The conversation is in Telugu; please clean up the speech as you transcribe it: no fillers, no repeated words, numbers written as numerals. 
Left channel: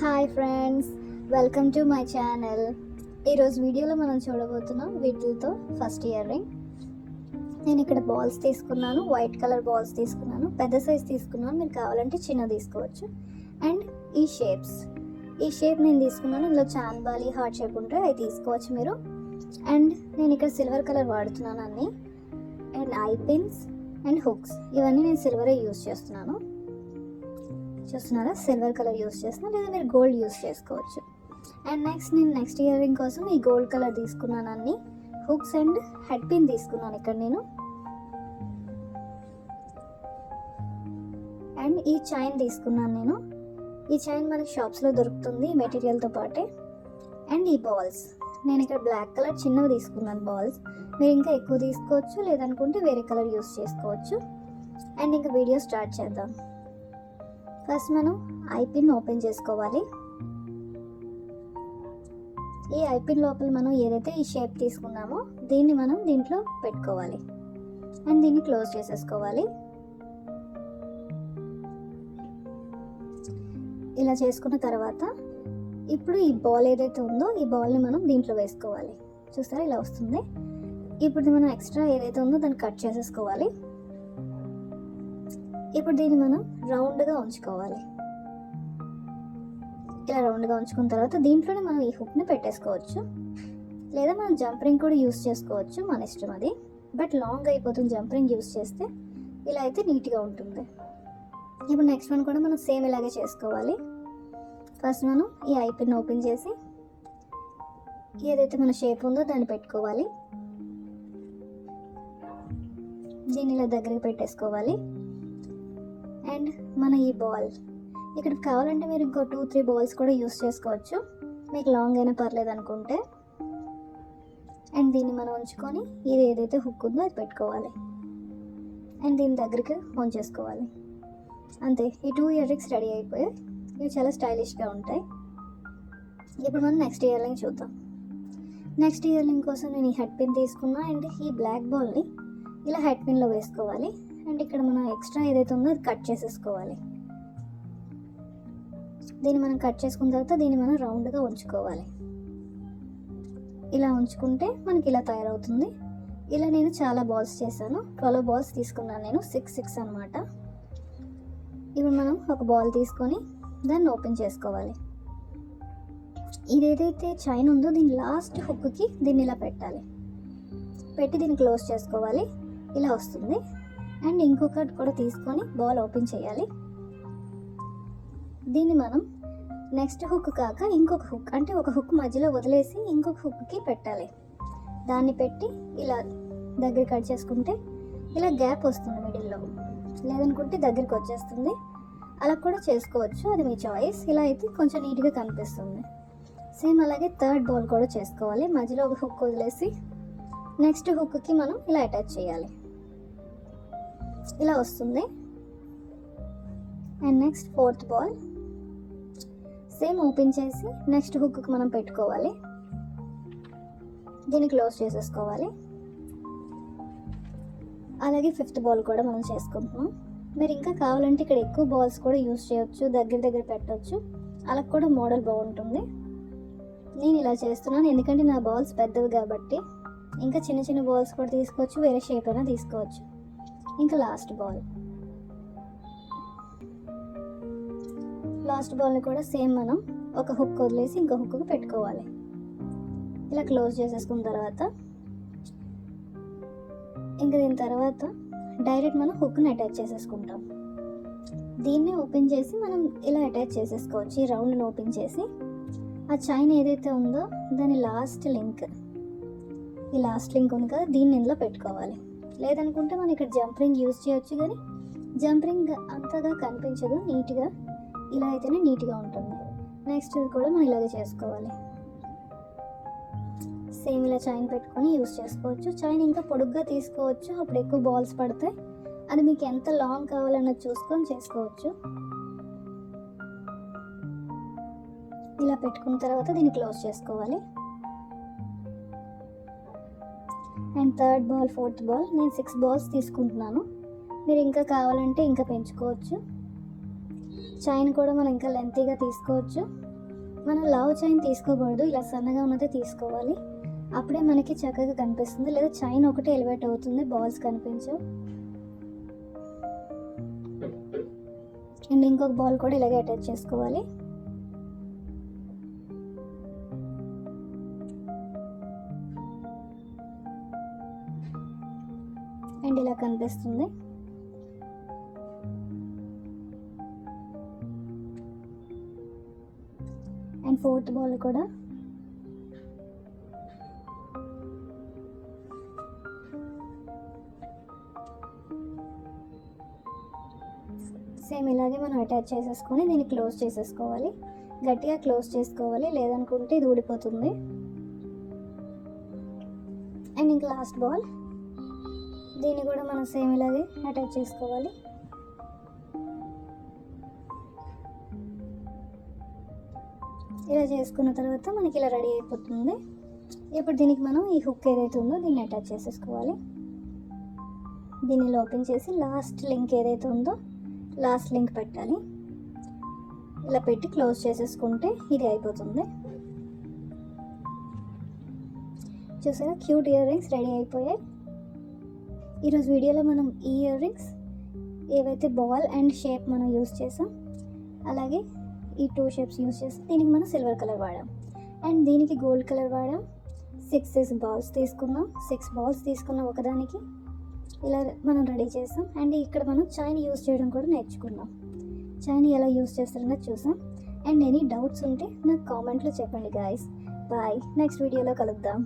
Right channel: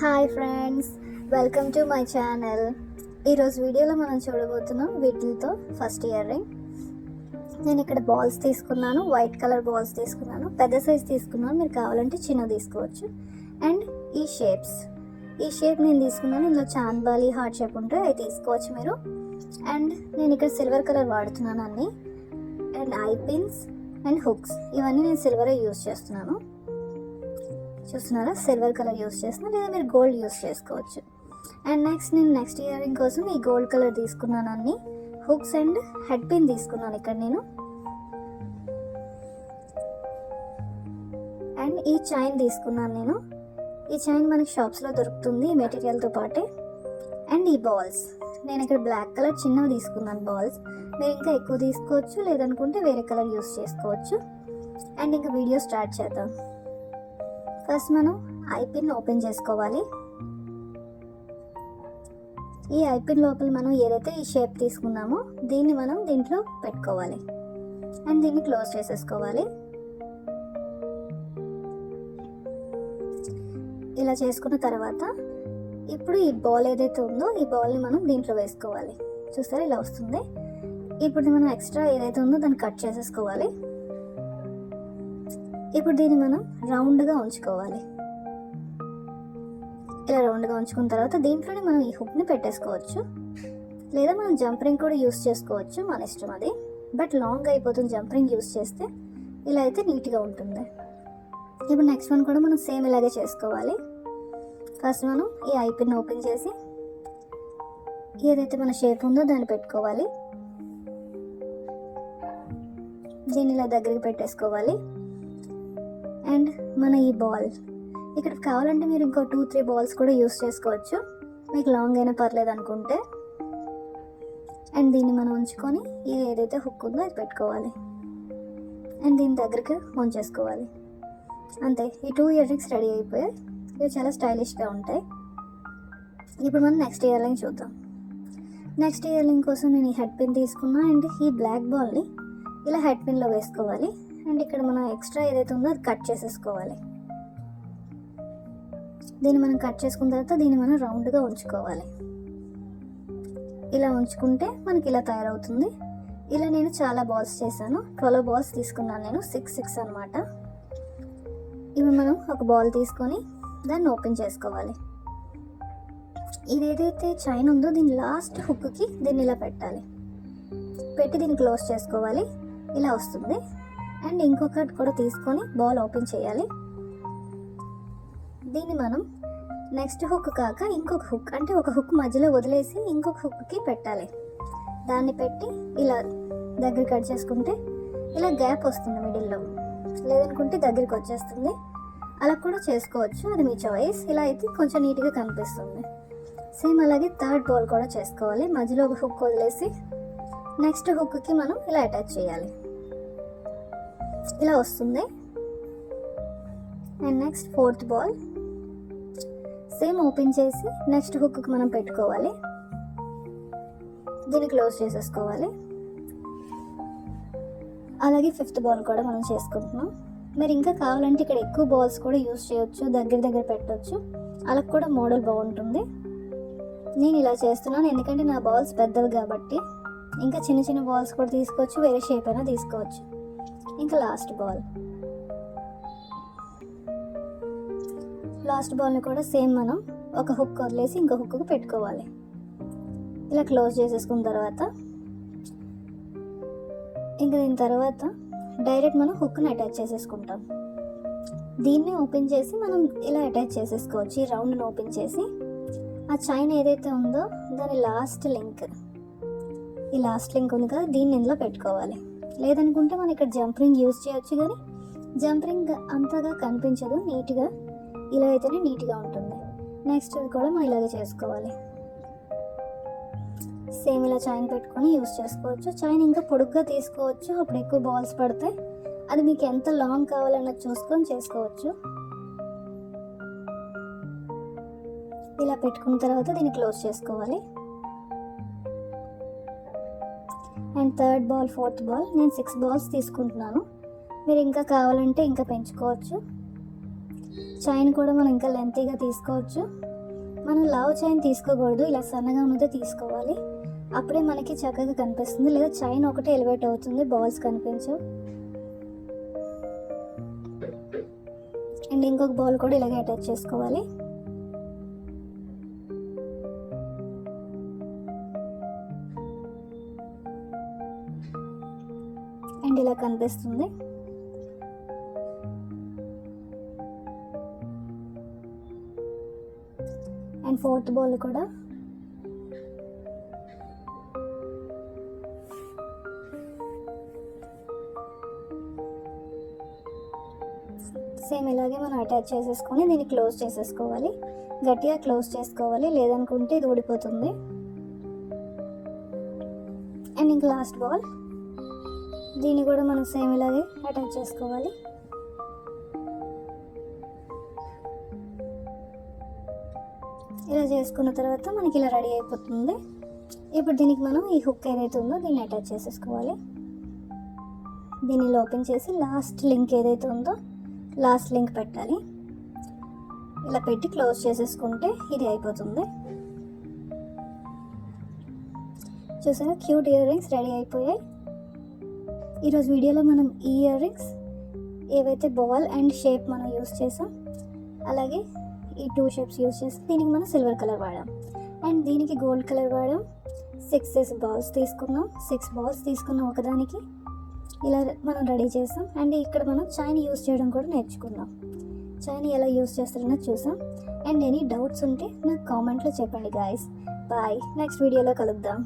Hi friends, welcome to my channel. ఈరోజు వీడియోలో మనం చూడబోతున్నాం వీటితో ఫస్ట్ ఇయర్ రింగ్. నేను ఇక్కడ బాల్స్ తీసుకున్నాను, వైట్ కలర్ బాల్స్ తీసుకున్నాను, పెద్ద సైజ్ తీసుకున్నాను, మీరు కావాలంటే చిన్న తీసుకోవచ్చు. అండ్ ఈ షేప్ నేను తీసుకున్నాను. ఇందులో చాన్బాలి హార్ట్ షేప్ ఉంటే అవి తీసుకోవచ్చు మీరు. అండ్ నేను ఇక్కడ సిల్వర్ కలర్ వాడుతున్నాను అన్నీ. And I pins and hooks ఇవన్నీ నేను సిల్వరే యూజ్ చేస్తున్నాను. చూస్తున్నారా, సిల్వర్ కలర్ యూస్ చేస్తున్నాను, లేదా మీరు గోల్డ్ యూస్ చేసుకోవచ్చు. అండ్ నెక్స్ట్ ఇయర్ రింగ్ కోసం ఈ గోల్డ్ కలర్ తీసుకున్నాను అన్ని. హుక్స్ అండ్ హెడ్ పిన్ తీసుకున్నాను ఇక్కడ నేను. అండ్ ఈ చైన్ తీసుకున్నాను నేను. ఈ చైన్ మనకి షాప్స్లో దొరుకుతుంది ఈ మెటీరియల్తో పాటే. అండ్ ఈ బాల్స్ నేను ఇక్కడ బ్లాక్ కలర్ చిన్నవి తీసుకున్నాను బాల్స్. మీరు ఇంకా ఎక్కువ తీసుకోవచ్చు, లేదనుకుంటే వేరే కలర్ యూస్ చేసుకోవచ్చు. అండ్ ఇంకా వీడియో స్టార్ట్ చేద్దాం. ఫస్ట్ మనం ఐ పిన్ ఓపెన్ చేసుకోవాలి. ఈ ఐ పిన్ లోపల మనం ఏదైతే ఈ షేప్ తీసుకున్నామో దీన్ని మనం దీంట్లో పెట్టుకోవాలి. అండ్ దీన్ని క్లోజ్ చేసేసుకోవాలి. ఇలా చేసుకున్న తర్వాత ఇప్పుడు ఈ బాల్ ఏదైతే ఉందో ఈ బాల్ని మనం దీంట్లో వేసుకోవాలి. చూస్తారా, ఇలా వస్తుంది. ఇప్పుడు మనం ఎక్స్ట్రా ఏదైతే ఉందో దాన్ని కట్ చేసేసుకోవాలి. ఇప్పుడు దీన్ని మనం రౌండ్గా ఉంచుకోవాలి. ఇలా రౌండ్గా ఉంచుకున్న తర్వాత దీంట్లోనే మనం ఈ హుక్ని పెట్టేసుకోవచ్చు, లేదా మనం జంప్ రింగ్ కూడా యూస్ చేసుకోవచ్చు, మన ఇష్టం అది. బట్ లాంగ్ అయిపోతుంది జంప్ రింగ్ యూస్ చేస్తే. ఇలా అయితే నీట్గా ఉంటుంది. ఇప్పుడు నెక్స్ట్ వన్ కూడా మనం సేమ్ ఇలాగే చేసుకోవాలి. ఫస్ట్ మనం ఈ ఐ పిన్ ఓపెన్ చేసి ఏదైతే మన షేప్ ఉందో దాన్ని పెట్టుకోవాలి. దీన్ని ఇలా దగ్గరికి పెట్టేసుకోవాలి. అండ్ మన ఈ బాల్ ఇక్కడ కావాలంటే మీరు ఇంకో 2-3 బాల్స్ కూడా యూస్ చేసుకోవచ్చు, మీకు లాంగ్ అయినా పర్లేదు అనుకుంటే. అండ్ దీన్ని మనం ఉంచుకొని ఇది ఏదైతే హుక్ ఉందో అది పెట్టుకోవాలి. అండ్ దీని దగ్గరికి ఆన్ చేసుకోవాలి. అంతే, ఈ 2 ఇయర్ రింగ్స్ రెడీ అయిపోయాయి. ఇవి చాలా స్టైలిష్గా ఉంటాయి. ఇప్పుడు మనం నెక్స్ట్ ఇయర్ రింగ్ చూద్దాం. నెక్స్ట్ ఇయర్ రింగ్ కోసం నేను ఈ హెడ్ పిన్ తీసుకున్నా. అండ్ ఈ బ్లాక్ బాల్ని ఇలా హెడ్ పిన్లో వేసుకోవాలి. అండ్ ఇక్కడ మనం ఎక్స్ట్రా ఏదైతే ఉందో అది కట్ చేసేసుకోవాలి. దీన్ని మనం కట్ చేసుకున్న తర్వాత దీన్ని మనం రౌండ్గా ఉంచుకోవాలి. ఇలా ఉంచుకుంటే మనకి ఇలా తయారవుతుంది. ఇలా నేను చాలా బాల్స్ చేశాను, 12 బాల్స్ తీసుకున్నాను నేను, 6 అనమాట. ఇప్పుడు మనం ఒక బాల్ తీసుకొని దాన్ని ఓపెన్ చేసుకోవాలి. ఇదేదైతే చైన్ ఉందో దీని లాస్ట్ హుక్కి దీన్ని ఇలా పెట్టాలి. పెట్టి దీన్ని క్లోజ్ చేసుకోవాలి. ఇలా వస్తుంది. అండ్ ఇంకొకటి కూడా తీసుకొని బాల్ ఓపెన్ చేయాలి. దీన్ని మనం నెక్స్ట్ హుక్ కాక ఇంకొక హుక్, అంటే ఒక హుక్ మధ్యలో వదిలేసి ఇంకొక హుక్కి పెట్టాలి. దాన్ని పెట్టి ఇలా దగ్గర కట్ చేసుకుంటే ఇలా గ్యాప్ వస్తుంది మిడిల్లో, లేదనుకుంటే దగ్గరికి వచ్చేస్తుంది. అలా కూడా చేసుకోవచ్చు, అది మీ చాయిస్. ఇలా అయితే కొంచెం నీట్గా కనిపిస్తుంది. సేమ్ అలాగే థర్డ్ బాల్ కూడా చేసుకోవాలి. మధ్యలో ఒక హుక్ వదిలేసి నెక్స్ట్ హుక్కి మనం ఇలా అటాచ్ చేయాలి. ఇలా వస్తుంది. And next fourth ball same open చేసి నెక్స్ట్ హుక్కి మనం పెట్టుకోవాలి. దీన్ని క్లోజ్ చేసేసుకోవాలి. అలాగే ఫిఫ్త్ బాల్ కూడా మనం చేసుకుంటున్నాం. మీరు ఇంకా కావాలంటే ఇక్కడ ఎక్కువ బాల్స్ కూడా యూస్ చేయొచ్చు, దగ్గర పెట్టవచ్చు. అలా కూడా మోడల్ బాగుంటుంది. నేను ఇలా చేస్తున్నాను ఎందుకంటే నా బాల్స్ పెద్దవి కాబట్టి. ఇంకా చిన్న బాల్స్ కూడా తీసుకోవచ్చు, వేరే షేప్ అయినా తీసుకోవచ్చు. ఇంకా లాస్ట్ బాల్ని కూడా సేమ్ మనం ఒక హుక్ వదిలేసి ఇంకో హుక్కు పెట్టుకోవాలి. ఇలా క్లోజ్ చేసేసుకున్న తర్వాత ఇంకా దీని తర్వాత డైరెక్ట్ మనం హుక్ని అటాచ్ చేసేసుకుంటాం. దీన్ని ఓపెన్ చేసి మనం ఇలా అటాచ్ చేసేసుకోవచ్చు. ఈ రౌండ్ని ఓపెన్ చేసి ఆ చైన్ ఏదైతే ఉందో దాని లాస్ట్ లింక్ ఉంది కదా, దీన్ని ఇందులో పెట్టుకోవాలి. లేదనుకుంటే మనం ఇక్కడ జంప్ రింగ్ యూజ్ చేయొచ్చు, కానీ జంప్ రింగ్ అంతగా కనిపించదు. నీట్గా ఇలా అయితేనే నీట్గా ఉంటుంది. నెక్స్ట్ కూడా మనం ఇలాగే చేసుకోవాలి. సేమ్ ఇలా చైన్ పెట్టుకొని యూజ్ చేసుకోవచ్చు. చైన్ ఇంకా పొడుగ్గా తీసుకోవచ్చు, అప్పుడు ఎక్కువ బాల్స్ పడతాయి. అది మీకు ఎంత లాంగ్ కావాలన్నది చూసుకొని చేసుకోవచ్చు. ఇలా పెట్టుకున్న తర్వాత దీన్ని క్లోజ్ చేసుకోవాలి. And third ball, fourth ball నేను 6 బాల్స్ తీసుకుంటున్నాను. మీరు ఇంకా కావాలంటే ఇంకా పెంచుకోవచ్చు. చైన్ కూడా మనం ఇంకా లెంతీగా తీసుకోవచ్చు. మనం లావ్ చైన్ తీసుకోకూడదు, ఇలా సన్నగా ఉన్నదే తీసుకోవాలి. అప్పుడే మనకి చక్కగా కనిపిస్తుంది. లేదా చైన్ ఒకటే ఎలివేట్ అవుతుంది, బాల్స్ కనిపించవు. అండ్ ఇంకొక బాల్ కూడా ఇలాగే అటాచ్ చేసుకోవాలి. అండ్ ఇలా కనిపిస్తుంది. అండ్ ఫోర్త్ బాల్ కూడా సేమ్ ఇలాగే మనం అటాచ్ చేసేసుకొని దీన్ని క్లోజ్ చేసేసుకోవాలి. గట్టిగా క్లోజ్ చేసుకోవాలి, లేదనుకుంటే ఇది ఊడిపోతుంది. అండ్ ఇంక లాస్ట్ బాల్, దీన్ని కూడా మనం సేమ్ ఇలాగే అటాచ్ చేసుకోవాలి. ఇలా చేసుకున్న తర్వాత మనకి ఇలా రెడీ అయిపోతుంది. ఇప్పుడు దీనికి మనం ఈ హుక్ ఏదైతే ఉందో దీన్ని అటాచ్ చేసేసుకోవాలి. దీన్ని ఓపెన్ చేసి లాస్ట్ లింక్ ఏదైతే ఉందో లాస్ట్ లింక్ పెట్టాలి. ఇలా పెట్టి క్లోజ్ చేసేసుకుంటే ఇది అయిపోతుంది. చూసారా, క్యూట్ ఇయర్ రింగ్స్ రెడీ అయిపోయాయి. ఈరోజు వీడియోలో మనం ఈ ఇయర్ రింగ్స్ ఏవైతే బాల్ అండ్ షేప్ మనం యూస్ చేసాం, అలాగే ఈ 2 షేప్స్ యూస్ చేసాం. దీనికి మనం సిల్వర్ కలర్ వాడాం అండ్ దీనికి గోల్డ్ కలర్ వాడాం. 6 బాల్స్ తీసుకున్నాం. 6 బాల్స్ తీసుకున్నాం ఒకదానికి. ఇలా మనం రెడీ చేసాం. అండ్ ఇక్కడ మనం చైన్ యూస్ చేయడం కూడా నేర్చుకున్నాం. చైన్ ఎలా యూస్ చేస్తారన్నది చూసాం. అండ్ ఎనీ డౌట్స్ ఉంటే నాకు కామెంట్లో చెప్పండి గాయస్. బాయ్, నెక్స్ట్ వీడియోలో కలుద్దాం.